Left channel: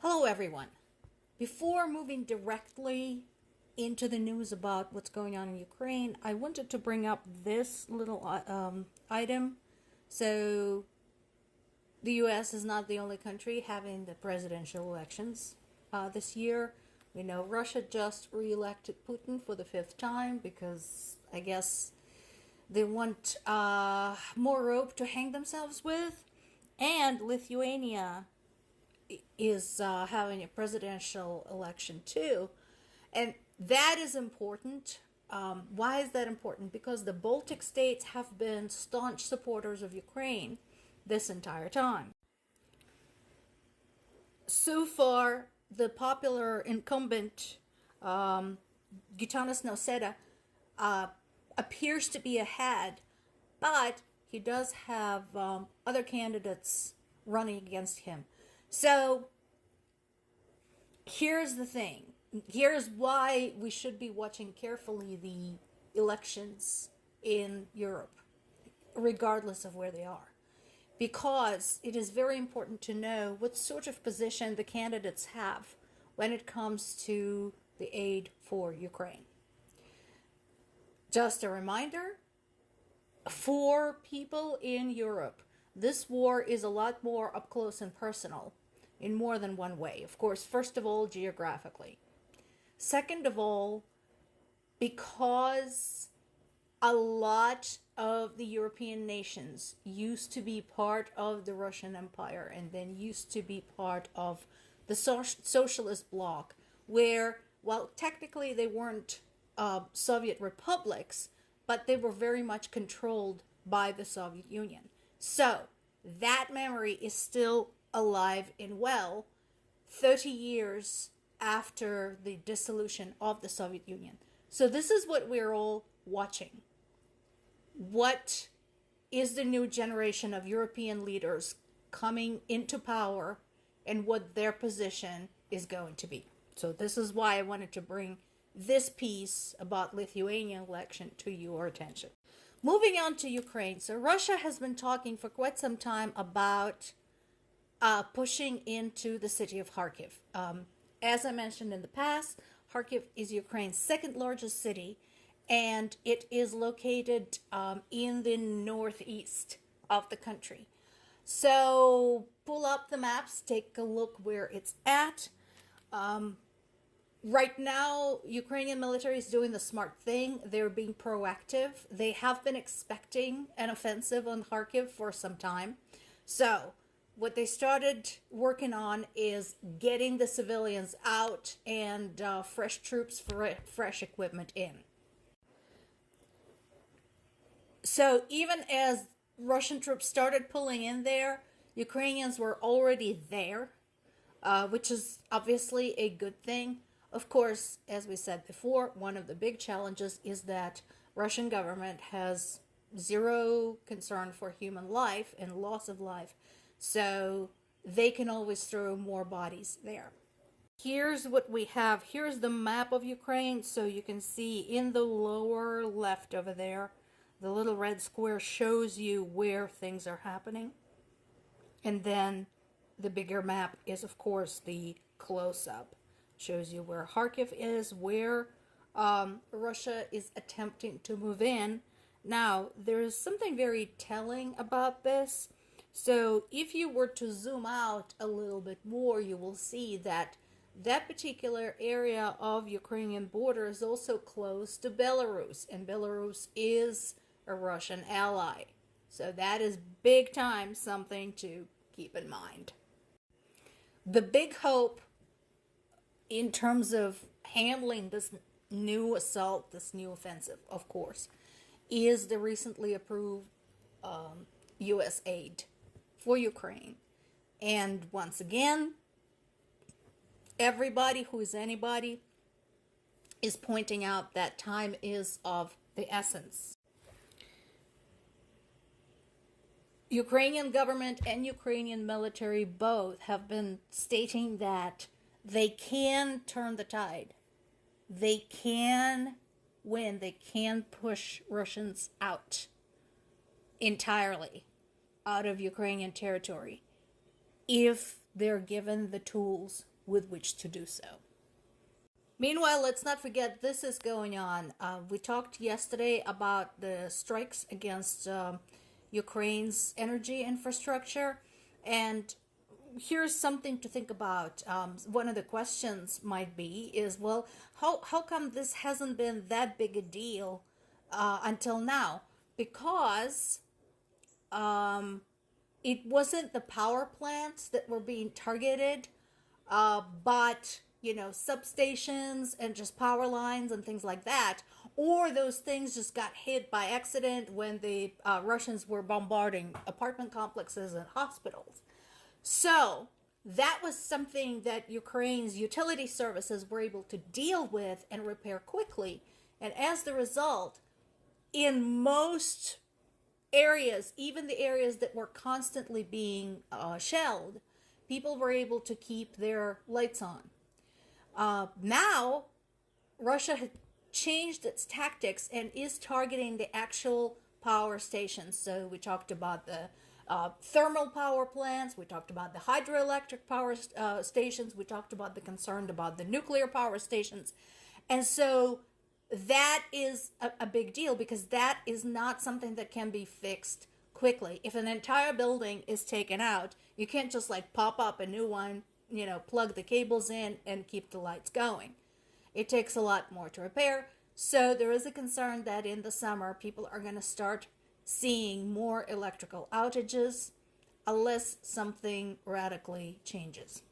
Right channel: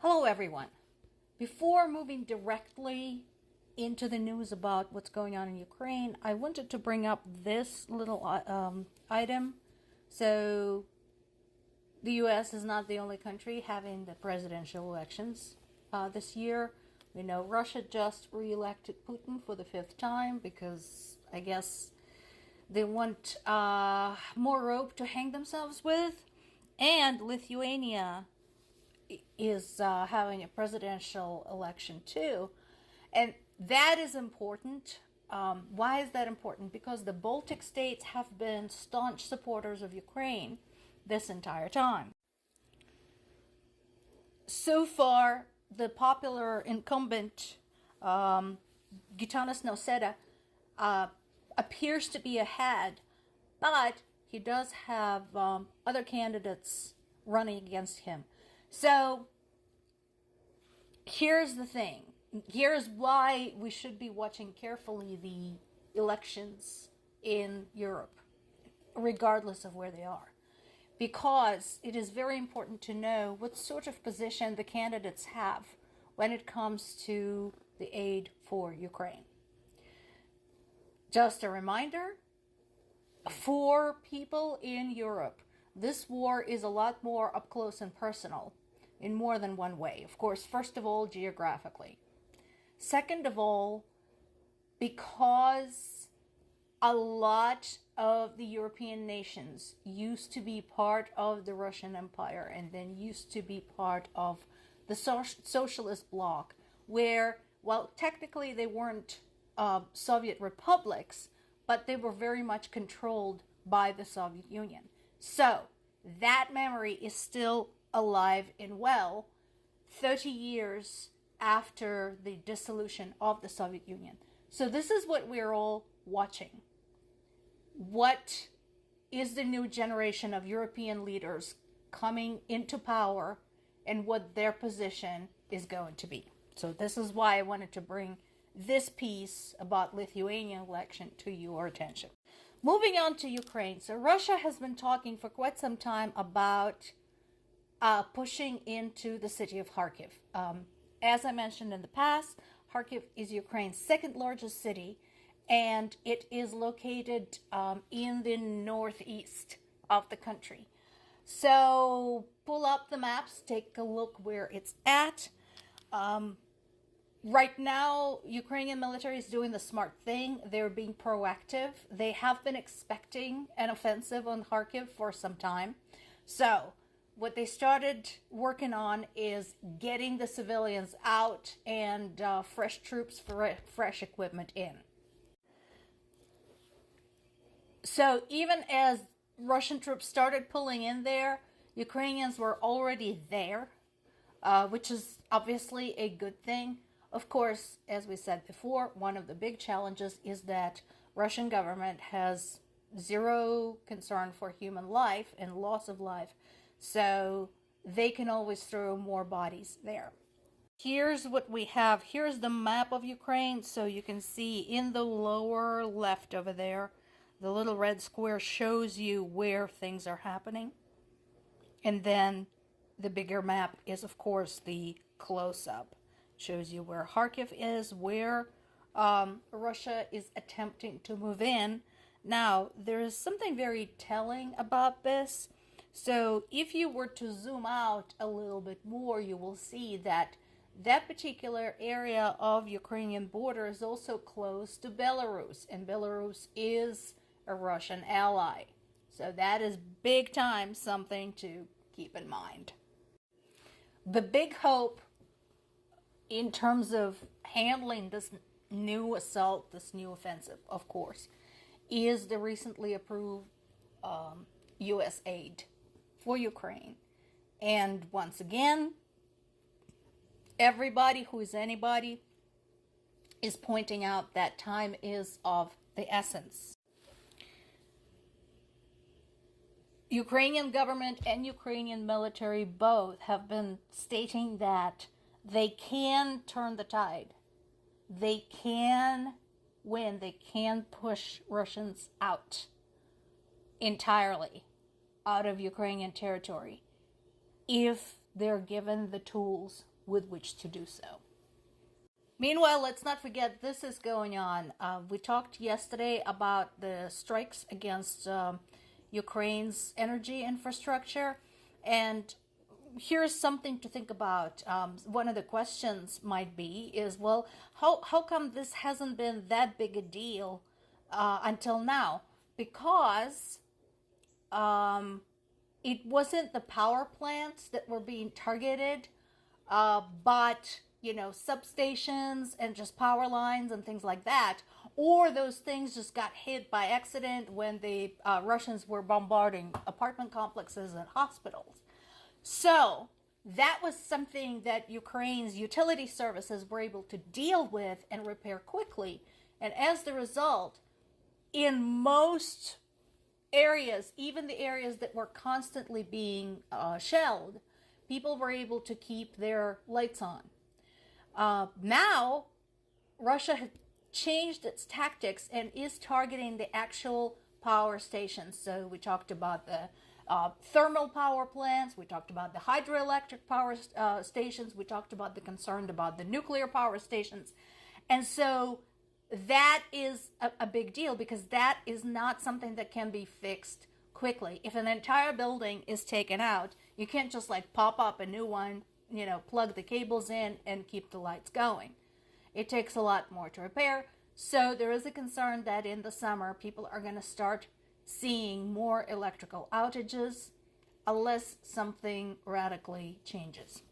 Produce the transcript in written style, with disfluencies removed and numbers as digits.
Hello, everyone. Before moving directly into the news about what's going on in Ukraine, I wanted to bring up this little item. So, the U.S. is not the only country having the presidential elections this year. We know Russia just re-elected Putin for the 5th time because I guess they want more rope to hang themselves with. And Lithuania is having a presidential election too. And that is important. Why is that important? Because the Baltic states have been staunch supporters of Ukraine this entire time. So far, the popular incumbent, Gitanas Nausėda, appears to be ahead, but he does have other candidates running against him. So, here's the thing. Here's why we should be watching carefully the elections in Europe, regardless of where they are. Because it is very important to know what sort of position the candidates have when it comes to the aid for Ukraine. Just a reminder, for people in Europe, this war is a lot more up close and personal in more than one way. Of course, first of all, geographically. Second of all, because a lot of the European nations used to be part of the Russian Empire and then used to be part of the socialist bloc, where, well, technically they weren't Soviet republics, but they were very much controlled by the Soviet Union. So, that memory is still alive and well 30 years after the dissolution of the Soviet Union. So this is what we're all watching. What is the new generation of European leaders coming into power and what their position is going to be? So this is why I wanted to bring this piece about Lithuanian election to your attention. Moving on to Ukraine. So Russia has been talking for quite some time about pushing into the city of Kharkiv. As I mentioned in the past, Kharkiv is Ukraine's second largest city, and it is located in the northeast of the country. So pull up the maps, take a look where it's at. Right now, Ukrainian military is doing the smart thing. They're being proactive. They have been expecting an offensive on Kharkiv for some time. So, what they started working on is getting the civilians out and fresh troops, fresh equipment in. So, even as Russian troops started pulling in there, Ukrainians were already there, which is obviously a good thing. Of course, as we said before, one of the big challenges is that Russian government has zero concern for human life and loss of life, so they can always throw more bodies there. Here's what we have. Here's the map of Ukraine, so you can see in the lower left over there, the little red square shows you where things are happening. And then the bigger map is, of course, the close-up. Shows you where Kharkiv is, where Russia is attempting to move in. Now, there is something very telling about this. So, if you were to zoom out a little bit more, you will see that that particular area of Ukrainian border is also close to Belarus, and Belarus is a Russian ally. So, that is big time something to keep in mind. The big hope in terms of handling this new assault, this new offensive, of course, is the recently approved U.S. aid for Ukraine. And once again, everybody who is anybody is pointing out that time is of the essence. Ukrainian government and Ukrainian military both have been stating that they can turn the tide. They can win. They can push Russians out entirely out of Ukrainian territory if they're given the tools with which to do so. Meanwhile, let's not forget this is going on. We talked yesterday about the strikes against Ukraine's energy infrastructure, and here's something to think about. One of the questions might be is, well, how come this hasn't been that big a deal until now? Because it wasn't the power plants that were being targeted, but substations and just power lines and things like that, or those things just got hit by accident when the Russians were bombarding apartment complexes and hospitals. So that was something that Ukraine's utility services were able to deal with and repair quickly. And as the result, in most areas, even the areas that were constantly being shelled, people were able to keep their lights on. Now, Russia has changed its tactics and is targeting the actual power stations. So we talked about the thermal power plants, we talked about the hydroelectric power stations, we talked about the concern about the nuclear power stations. And so that is a big deal, because that is not something that can be fixed quickly. If an entire building is taken out, you can't just pop up a new one, plug the cables in and keep the lights going. It takes a lot more to repair. So there is a concern that in the summer, people are going to start seeing more electrical outages unless something radically changes.